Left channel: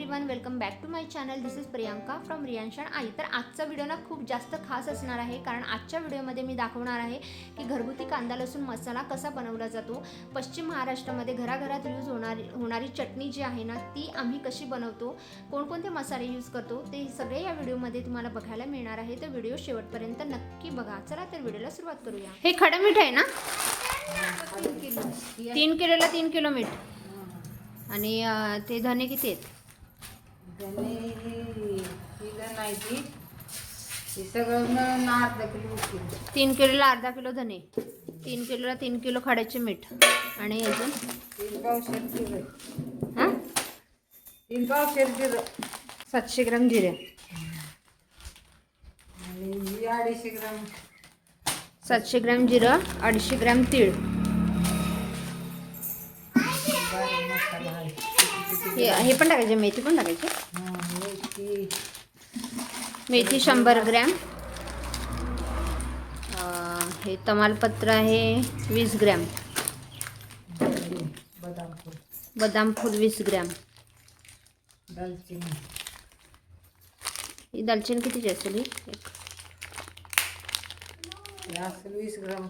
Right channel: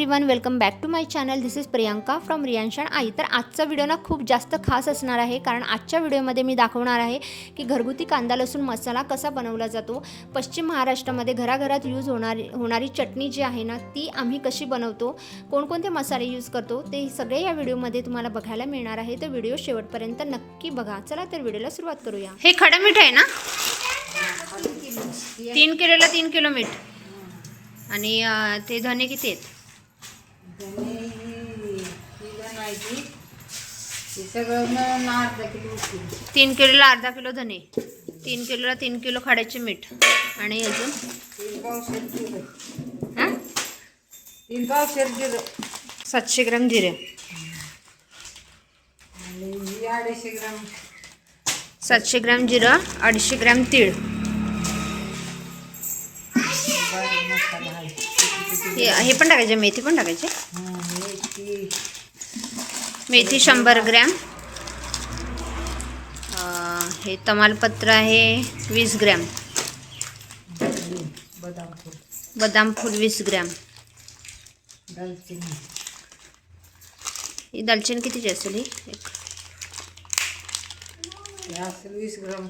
Everyone, welcome back to my channel. This is Priyanka from रियांशन आई. तर आजचा व्हिडिओ ना खूप जास्त खास असणार आहे, कारण आजच्या व्हिडिओमध्ये मी दाखवणार आहे की घरगुती कांदा लसूण मसाला कसा बनवला जातो. पश्चिम महाराष्ट्रामध्ये घराघरात यूज होणारी चटणी जी आहे ना, ती आम्ही कशी बनवतो, कोणकोणते मसाले यूज करतो, ते सगळे या व्हिडिओमध्ये तुम्हाला बघायला मिळणार आहे. तर व्हिडिओ शेवटपर्यंत नक्की बघा. चला तर व्हिडिओला सुरुवात करूया. हे खडं मीठ आहे ना, 3 किलोला 3 किलो मीठ. आणि ते धने किती आहेत? सगळं 3 किलोला अर्धा किलो धने, 3 किलोला 3 किलो खड्याचे मीठ, आणि अजून 700 ग्राम जिरे, 700 ग्राम जिरं, 250 ग्राम तीळ, हे पण टाकायचे, मेथी पण टाकायचे. मेथी 100 ग्रॅम. हे तमालपत्र आहे 20 ग्रॅम. बदाम फूल 20 ग्रॅम. ही दालचिनी कितीची असेल? ही 20 ग्राम.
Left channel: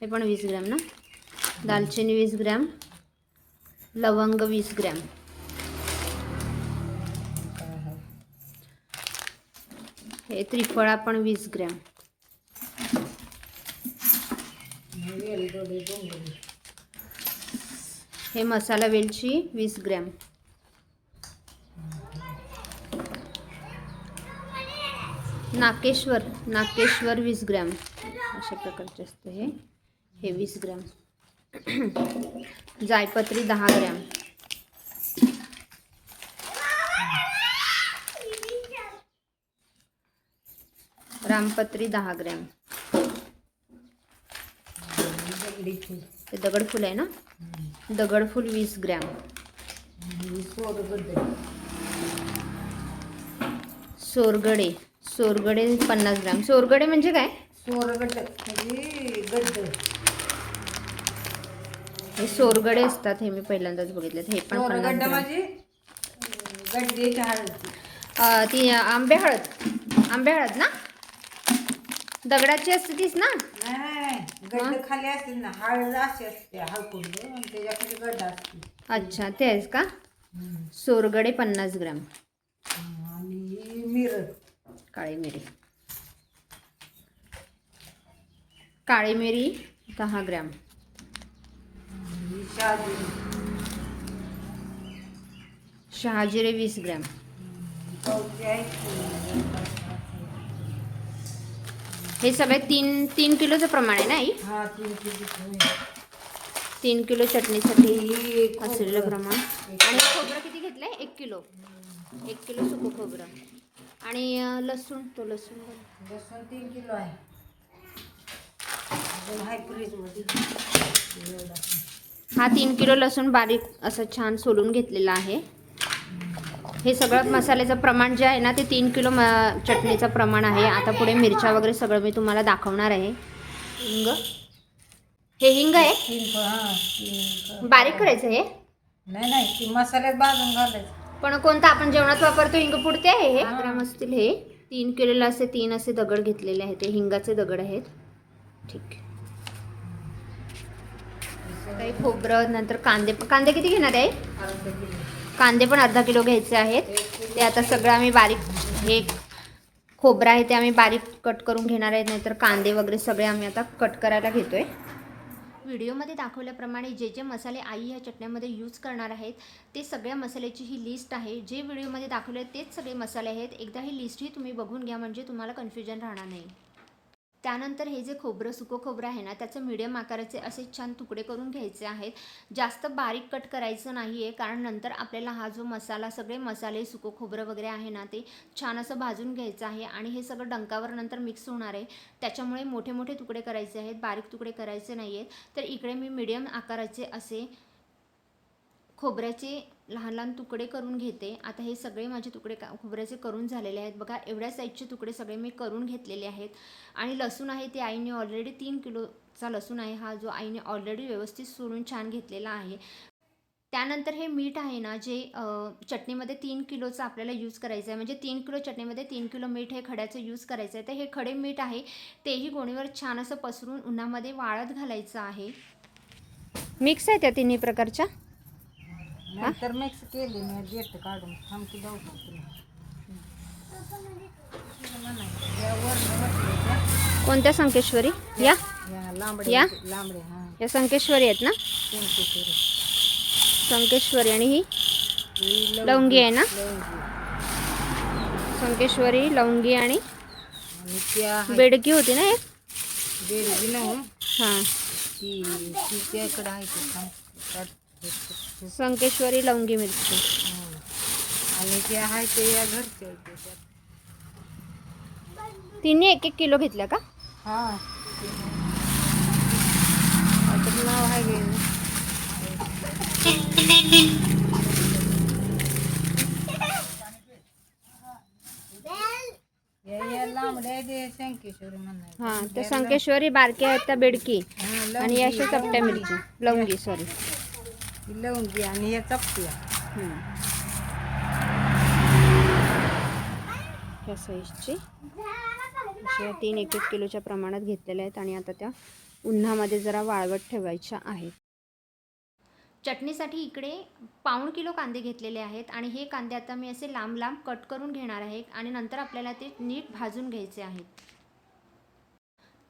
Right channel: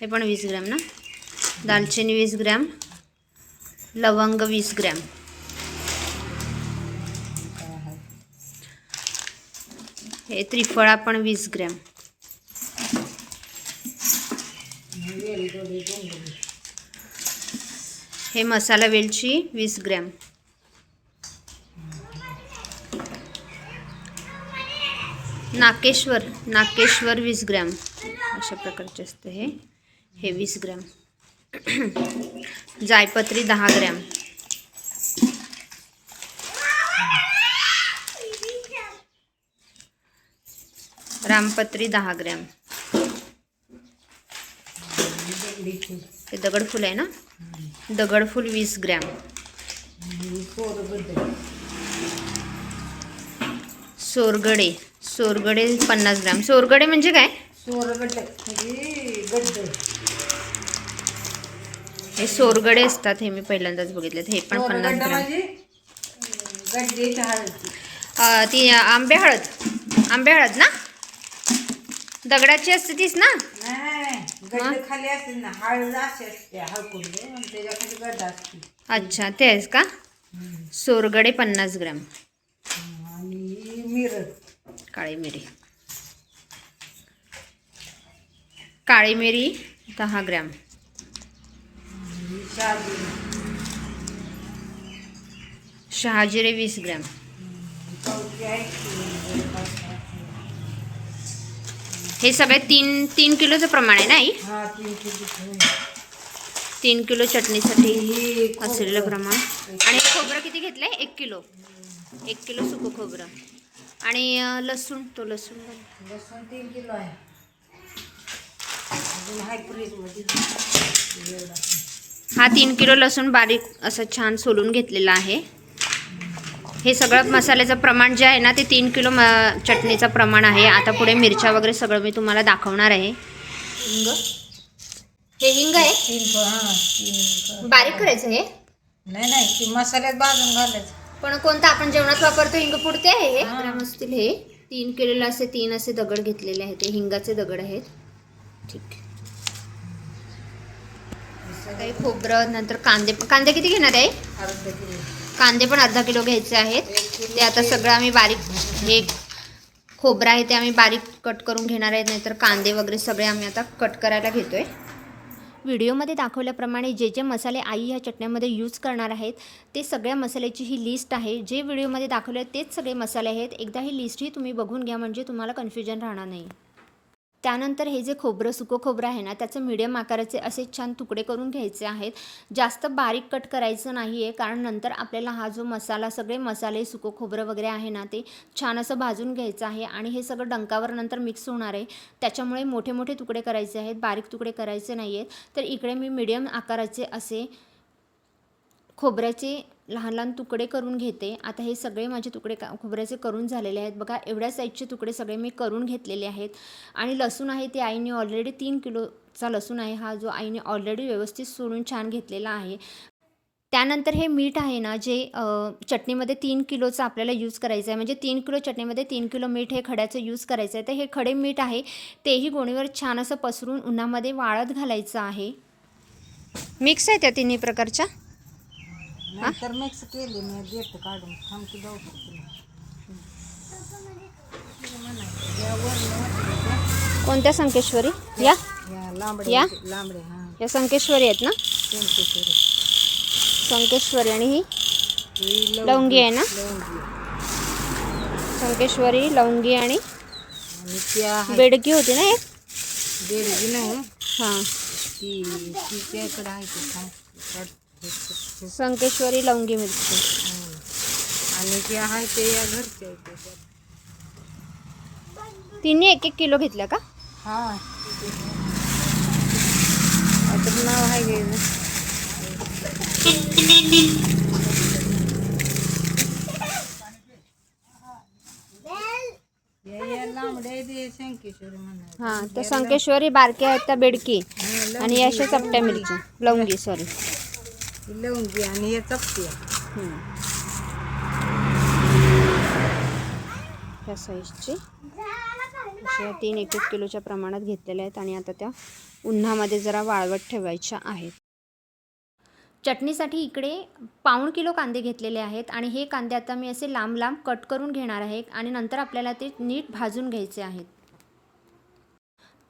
हे पण 20 ग्रॅम ना. दालचिनी 20 ग्रॅम, लवंग 20 ग्रॅम, हे त्रिफळा पण 20 ग्रॅम, हे मसाला वेलची 20 ग्रॅम, नाकेश्वर 20 ग्रॅम. अशा प्रकारचे असते हे 20 ग्रॅम. जायपत्री 10 ग्रॅम, रामपत्री 10 ग्रॅम. हे दगडफूल आहे ना, दगडफूल 20 ग्रॅम. सोरगडे 50 ग्रॅम. सोरगडे म्हणजे काय? हे सोरगडे असतात, हे मी पहिल्यांदाच बघितलेत. हे पण 50 ग्रॅम. ती आंबे हळद ना, दगडाची असते तीच ना. खाली असते ना, हळद असते. अच्छा, ते आहेस का? सोरगडे 50 ग्रॅम. काळी मिरी 10 ग्रॅम. शहाजिरे 20 ग्रॅम. हे सगळे 3 किलोचं प्रमाण आहे ना आई? 3 किलो चटणीसाठी असलेलं प्रमाण. आणि खोबरं किती घेतलंय? 1 किलो. 1 किलो सुकं खोबरं. आणि लसूण 3 किलो आहे. हा 3 किलो लसूण बारीक असं छान सोलून घेतलेला आहे. हे सगळं मसाल्याचं प्रमाण जे आहे ना, ते 3 किलो चटणीचं प्रमाण आहे. आता पुढे मिरच्या वगैरे सगळं मी तुम्हाला दाखवणार आहे. हिंग, हे हिंग आहे. बारीक करायचं हे? नाही, मसाल्यात भाजून घालायचं. पण कोणता आपण जेवणात वापरतो हिंग पुडते आहे हे. ग्राम असतील. हे 3 किलोला असे 3 असे दगड घेतलेले आहेत. हे हिंगाचे दगड आहेत. ठीक. काही खोबरं, नंतर कांदे किती घेणार आहे? कांदे पण अर्धा किलो घ्यायचे आहेत. ते आता सगळं आम्ही बारीक, हे खोबरं आहे ते आम्ही बारीक कट करून घेणार आहेत. नाहीतर कांदे वगैरे सगळे आम्ही आता कट करायला घेतोय. व्हिडिओमध्ये दाखवल्याप्रमाणे जे जे मसाले आई ह्या चटण्यामध्ये यूज करणार आहेत, ते सगळ्या मसाल्याची ही लिस्ट आहे. जे व्हिडिओमध्ये दाखवले तेच सगळे मसाले आहेत. एकदा ही लिस्टही तुम्ही बघून घ्या, म्हणजे तुम्हाला कन्फ्युजन राहणार नाही. त्यानंतर हे जे सुकं खोबरं आहे ना, त्याचं मीडियम आकाराचे असे छान तुकडे करून घ्यायचे आहेत. जास्त बारीक कट करायचं नाही आहे, कारण नंतर आपल्याला हा जो मसाला, सगळे मसाले, सुकं खोबरं वगैरे आहे ना, ते छान असं भाजून घ्यायचं आहे. आणि हे सगळं डंकावर नंतर मिक्स होणार आहे. त्याच्यामुळे मोठे मोठे तुकडे करायचे आहेत, बारीक तुकडे करायचे नाही आहेत. तर इकडे मी मीडियम आकाराचे असे खोबऱ्याचे लहान लहान तुकडे करून घेते. आता हे सगळे माझे तुकडे खोबऱ्याचे करून झालेले आहेत. बघा, एवढ्या साईजचे तुकडे सगळे मी करून घेतलेले आहेत. आणि लसूण आहे ते आईने ऑलरेडी 3 किलोचा लसूण आहे हा, जो आईने ऑलरेडी व्यवस्थित सोलून छान घेतलेला आहे. त्यानंतर हे मीठ आहे ना जे चटणीमध्ये 3 किलोचं आपल्याला यूज करायचं आहे, म्हणजे 3 किलो चटणीमध्ये 3 किलो मीठ हे खड्याचं यूज करायचं आहे. तर हे खडे मीठ आहे तेही गोणीवर छान असं पसरून उन्हामध्ये वाळत घालायचं आहे. मिक्स आहे त्या तिन्ही प्रकारच्या. नंतर मिक्स केली मी देतो काढून थांबती लवकर या वरण वाटलं त्या कोणत्या संकेश्वरी? या लांबडे या? लांबडे हां या संकेश्वरी आहेत ना? संकेश्वरी. संकेश्वरी. आणि ही ही लवंगी आहे ना? लवंगी. संकेश्वरी, लवंगी आणि आणि त्या बेडकी होती ना एक? बेडगी न हां, ती ती त्याकडे आहे ते थांब संकेश्वरी, लवंगी मिरची. आणि ते आहे ते या घरच्या आहेत त्याच्यात. तिन्ही 1-1 किलो घेतल्या का? हां त्याचं नाव आहे गे ना या लांबडे ते संकेश्वरी म्हणा. हां, त्या संकेश्वरी बारक्या आहेत त्या बेडकी. हां आणि अशा चपट्या मिरची, लवंगी सॉरी. ही लवंगी आणि या चपट्या. ह्या साईजची अशा 3 1-1 किलोच्या प्रमाणात घेतलेल्या आहेत आणि आता त्या उन्हामध्ये जरा वाळवत ठेवायच्या आहेत. चटणीसाठी इकडे 1/4 किलो कांदे घेतलेले आहेत आणि हे कांदे आता मी असे लांब लांब कट करून घेणार आहे आणि नंतर आपल्याला ते नीट भाजून घ्यायचे आहेत.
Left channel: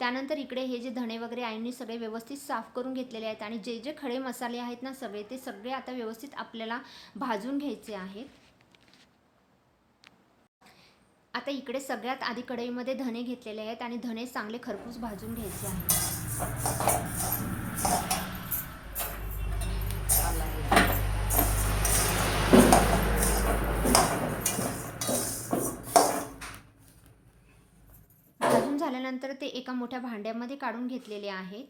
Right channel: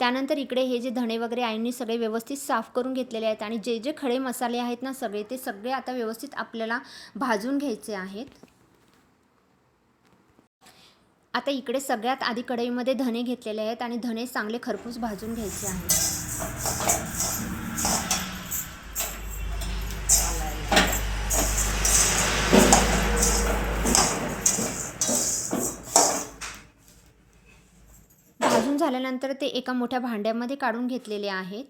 त्यानंतर इकडे हे जे धणे वगैरे आईंनी सगळे व्यवस्थित साफ करून घेतलेले आहेत आणि जे जे खडे मसाले आहेत ना सगळे, ते सगळे आता व्यवस्थित आपल्याला भाजून घ्यायचे आहेत. आता इकडे सगळ्यात आधी कढईमध्ये धणे घेतलेले आहेत आणि धणे चांगले खरपूस भाजून घ्यायचे आहेत. भाजून झाल्यानंतर ते एका मोठ्या भांड्यामध्ये काढून घेतलेले आहेत.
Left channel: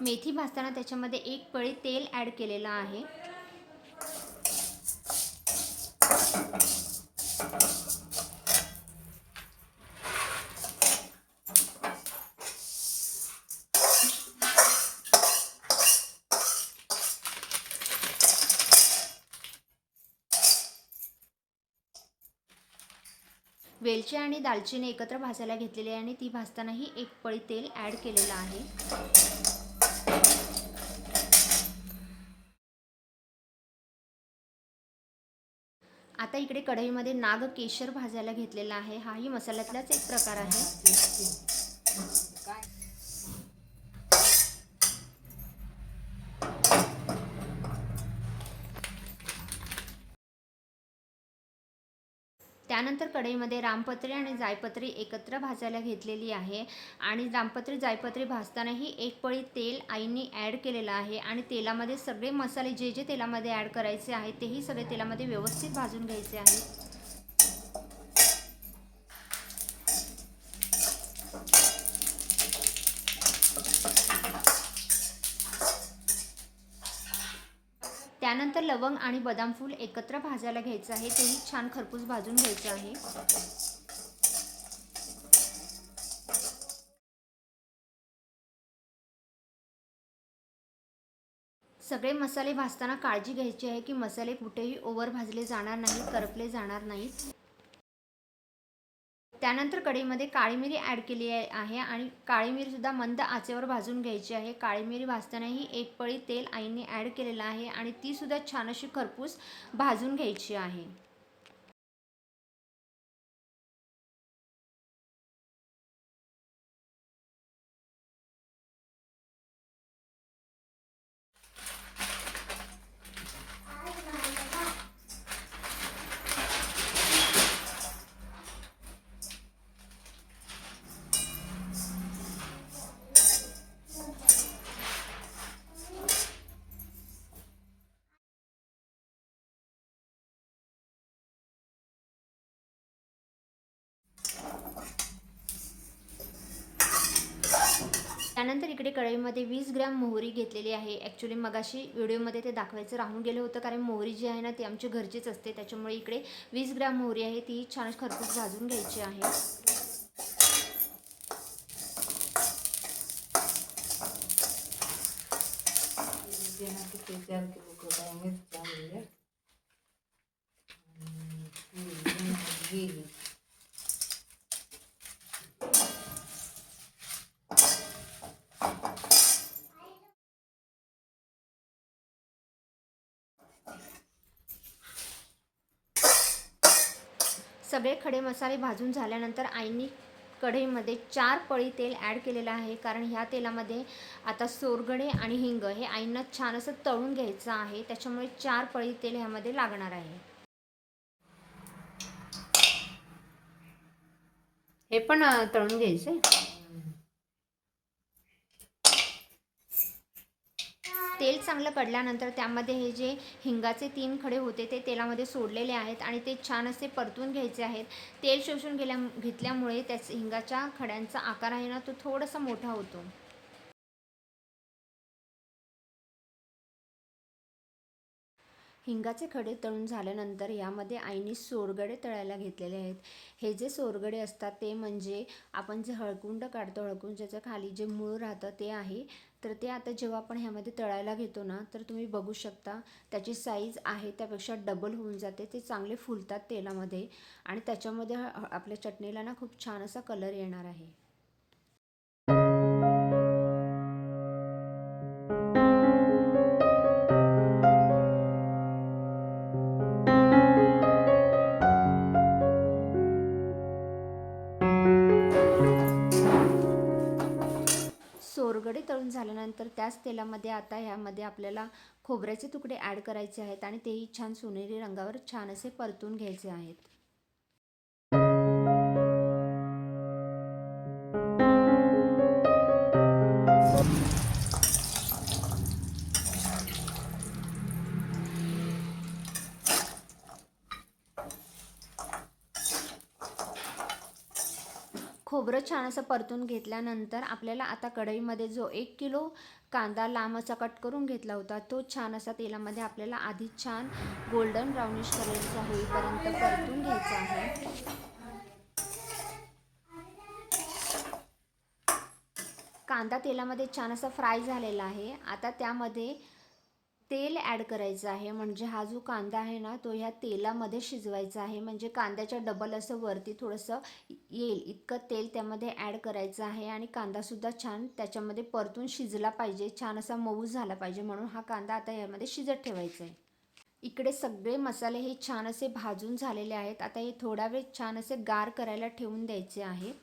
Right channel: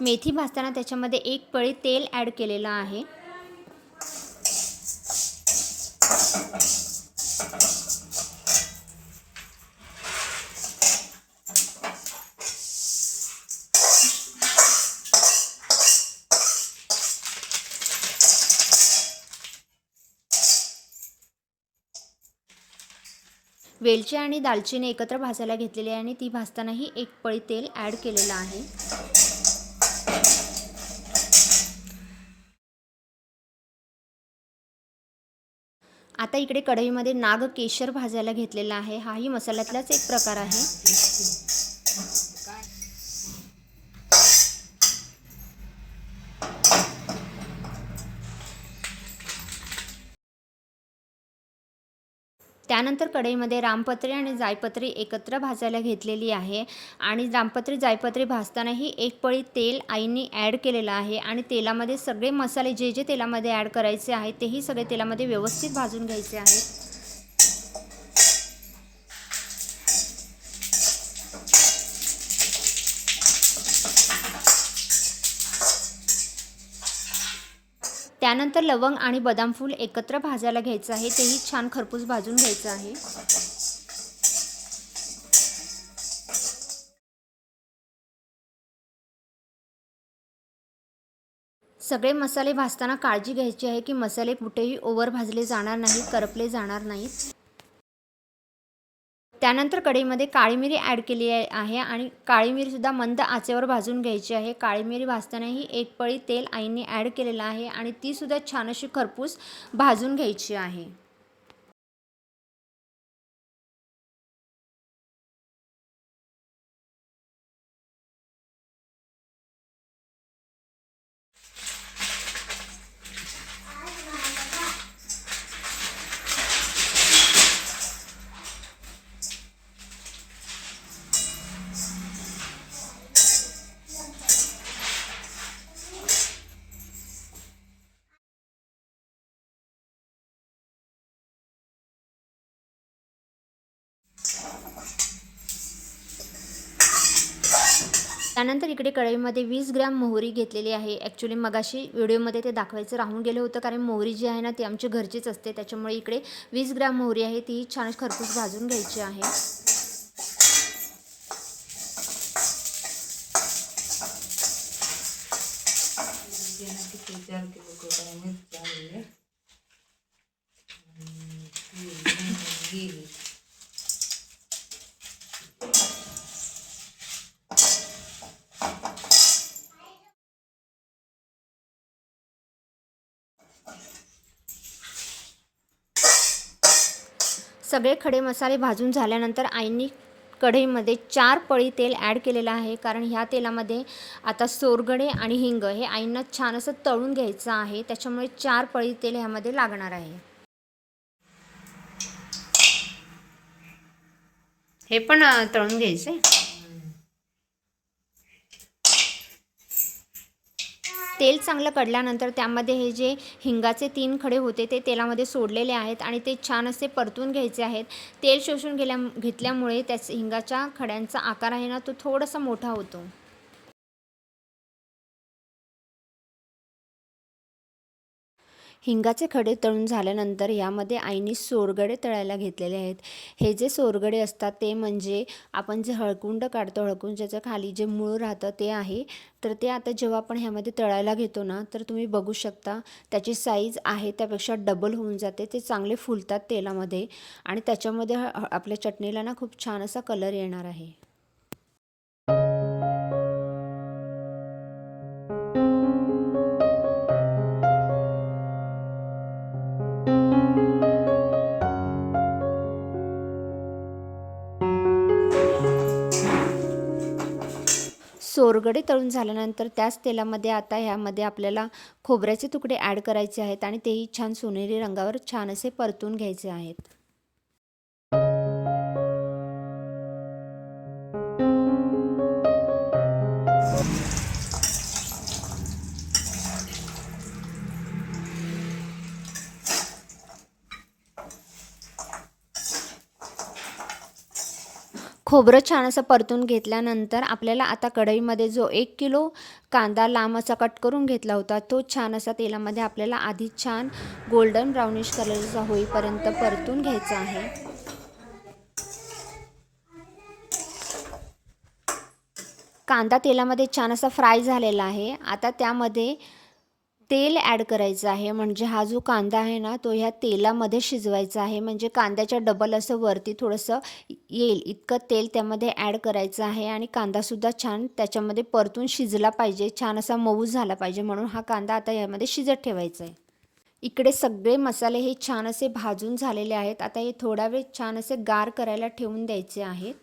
मेथी भाजताना त्याच्यामध्ये 1 पळी तेल ॲड केलेलं आहे. वेलची आणि दालचिनी एकत्र भाजायला घेतलेली आहे आणि ती भाजतानाही 1 पळी तेल ॲड केलेलं आहे. आता इकडे कढईमध्ये नागकेशर भाजायला घेतलेला आहे. हाही मसाल्यातलाच एक प्रकार आहे. त्यानंतर कढईमध्ये रामपत्री आणि जायपत्री एकत्र भाजायला घेतलेली आहे आणि रामपत्री जायपत्री भाजतानाही 1 पळी तेल आईंनी ॲड केलेलं आहे आणि तेलामध्ये सगळे मसाले जे जे तेलामध्ये ॲड करायचे आहेत तेही सगळे तेलामध्ये व्यवस्थित भाजून घ्यायचे आहेत. त्यानंतर लवंग आणि बदाम फूल एकत्र भाजायला घ्यायचं आहे, तेही छान खरपूस भाजून घ्यायचं आहे. सगळे मसाले भाजताना काळजी घ्यायची आहे की मसाले कुठेही ओव्हर भाजले जाणार नाहीत, करपले जाणार नाहीत. त्यानंतर कढईमध्ये काळी मिरी ॲड केली आहे आणि काळी मिरीसुद्धा मंद आचेवर भाजून घ्यायची आहे. काळी मिरी भाजतानाही 1 पळी तेल आईंनी ॲड केलेलं आहे आणि तीसुद्धा छान अशी खरपूस भाजून घ्यायची आहे. त्यानंतर इकडे कढईमध्ये 20 ग्रॅम मोहरी घेतलेली आहे. ॲक्च्युली मगाशी व्हिडिओमध्ये ते दाखवायचं राहून गेलं होतं, कारण मोहरी जी आहे ना ती आमची घरचीच असते. त्याच्यामुळे इकडे 20 ग्रॅम मोहरी आहे, ती छान खरपूस भाजून घ्यायची आहे. सगळे खडे मसाले भाजून झाल्यानंतर आईंनी कढईमध्ये 4 पळी तेल ॲड केलेलं आहे, कारण ह्या तेलामध्ये आता सोरगडे आणि हिंग हे आईंना छान असं तळून घ्यायचं आहे. त्याच्यामुळे 4 पळी तेल ह्यामध्ये लागणार आहे. हे पण तळून घ्यायचं आहे. तेल चांगलं कढल्यानंतर त्यामध्ये हे जे हिंगाचे 3 खडे होते ते तेलामध्ये सोडलेले आहेत आणि ते छान असे परतून घ्यायचे आहेत. तेल शोषून घेतल्यामुळे त्याच हिंगाच्या खड्यांचा आकार आहे ना तो थोडासा मोठा होतो. हिंगाचे खडे तळून झाल्यानंतर यामध्ये आईने सोरगडे तळायला घेतलेले आहेत. हे जे सोरगडे असतात ते म्हणजे आपण जे हळकुंड काढतो, हळकुंडाच्या खाली जे मूळ राहतं ते आहे. तर ते आता जेव्हा आपण ह्यामध्ये तळायला घेतो ना तर तुम्ही बघू शकता त्याची साईज आहे त्यापेक्षा डबल होऊन जाते. ते चांगले फुलतात तेलामध्ये आणि त्याच्यामध्ये आपल्या चटणीला ना खूप छान असा कलर येणार आहे. सोरगडे तळून झाल्यानंतर त्याच तेलामध्ये आता ह्यामध्ये आपल्याला खोबऱ्याचे तुकडे ॲड करायचे आहेत आणि तेही छान सोनेरी रंगावर छान असे परतून घ्यायचे आहेत. खोबरं छान असं परतून घेतल्यानंतर आपल्याला आता कढईमध्ये जो 1 किलो कांदा लांब असा कट करून घेतला होता तो छान असा तेलामध्ये आपल्याला आधी छान गोल्डन ब्राउनिश कलरचा होईपर्यंत परतून घ्यायचा आहे. कांदा तेलामध्ये छान असा फ्राय झालेला आहे. आता त्यामध्ये तेल ॲड करायचं आहे, म्हणजे हा जो कांदा आहे ना तो ह्या तेलामध्ये शिजवायचा आहे. म्हणजे कांद्याच्या डबल असं वरती थोडंसं येईल इतकं तेल त्यामध्ये ॲड करायचं आहे आणि कांदासुद्धा छान त्याच्यामध्ये परतून शिजला पाहिजे, छान असा मऊ झाला पाहिजे. म्हणून हा कांदा आता यामध्ये शिजत ठेवायचा आहे. इकडे सगळे मसाले हे छान असे भाजून झालेले आहेत. आता हे थोडा वेळ छान असे गार करायला ठेवून द्यायचे आहेत.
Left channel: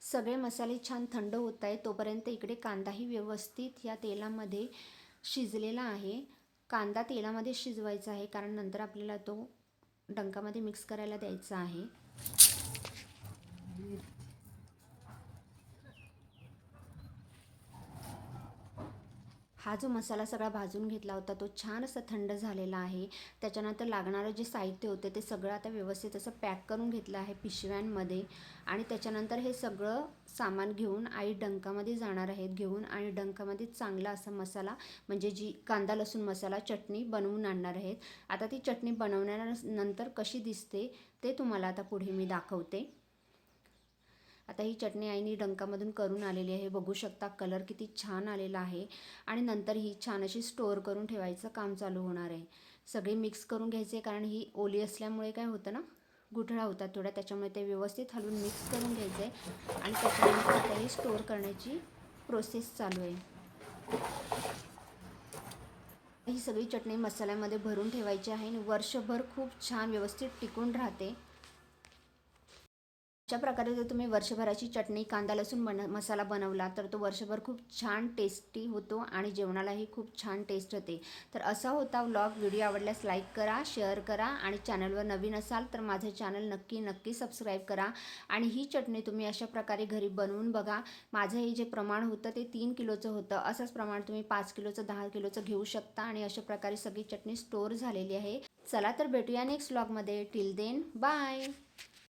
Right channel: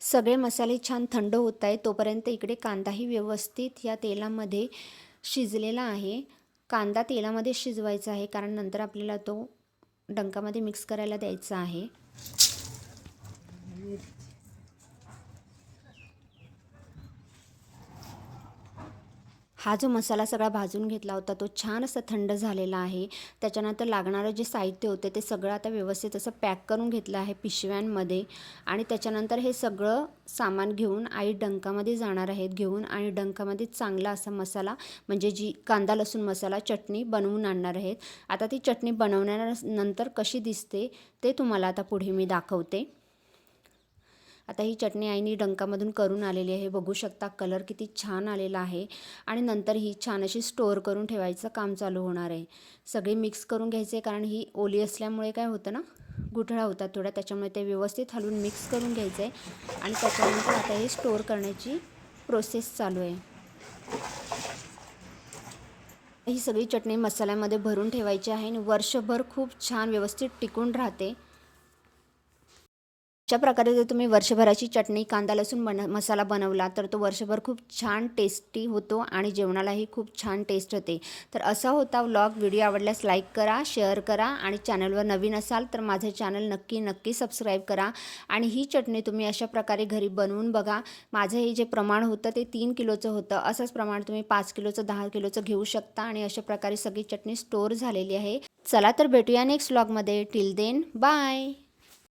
सगळे मसाले छान थंड होत आहेत तोपर्यंत इकडे कांदाही व्यवस्थित या तेलामध्ये शिजलेला आहे. कांदा तेलामध्ये शिजवायचा आहे कारण नंतर आपल्याला तो डंकामध्ये मिक्स करायला द्यायचा आहे. हा जो मसाला सगळा भाजून घेतला होता तो छान असा थंड झालेला आहे. त्याच्यानंतर लागणारं जे साहित्य होते ते सगळं आता व्यवस्थित असं पॅक करून घेतलं आहे पिशव्यांमध्ये आणि त्याच्यानंतर हे सगळं सामान घेऊन आई डंकामध्ये जाणार आहेत घेऊन आणि डंकामध्ये चांगला असा मसाला म्हणजे जी कांदा लसूण मसाला चटणी बनवून आणणार आहेत. आता ती चटणी बनवल्यानंतर कशी दिसते ते तुम्हाला आता पुढे मी दाखवते. आता ही चटणी आईने डंकामधून करून आलेली आहे. बघू शकता कलर किती छान आलेला आहे आणि नंतर ही छान अशी स्टोअर करून ठेवायचं काम चालू होणार आहे. सगळे मिक्स करून घ्यायचे कारण ही ओली असल्यामुळे काय होतं ना गुठळा होतात थोड्या, त्याच्यामुळे ते व्यवस्थित हलवून मिक्स करून घ्यायचं आहे आणि त्याच्यानंतर आता हे स्टोअर करण्याची प्रोसेस चालू आहे. ही सगळी चटणी मसाल्यामध्ये भरून ठेवायची आहे आणि वर्षभर खूप छान व्यवस्थित टिकून राहते. अशा प्रकारे जर तुम्ही वर्षभराची चटणी कांदा लसूण मसाला बनवला तर तो वर्षभर खूप छान टेस्टी होतो आणि जेवणालाही खूप छान टेस्ट होते. तर असा होता व्लॉग. व्हिडिओ आवडल्यास लाईक करा, शेअर करा आणि चॅनलवर नवीन असाल तर माझे चॅनल नक्की सबस्क्राईब करा. आणि ही चटणी तुम्ही अशा प्रकारे घरी बनवून बघा. माझं हे जे प्रमाण होतं ते 3 किलोचं होतं. असंच प्रमाण तुम्ही 5 किलोचं 10 किलोचं घेऊ शकता आणि अशा प्रकारे सगळी चटणी स्टोअर झालेली आहे. चला तर भेटूया नेक्स्ट व्लॉगमध्ये. Till then bye.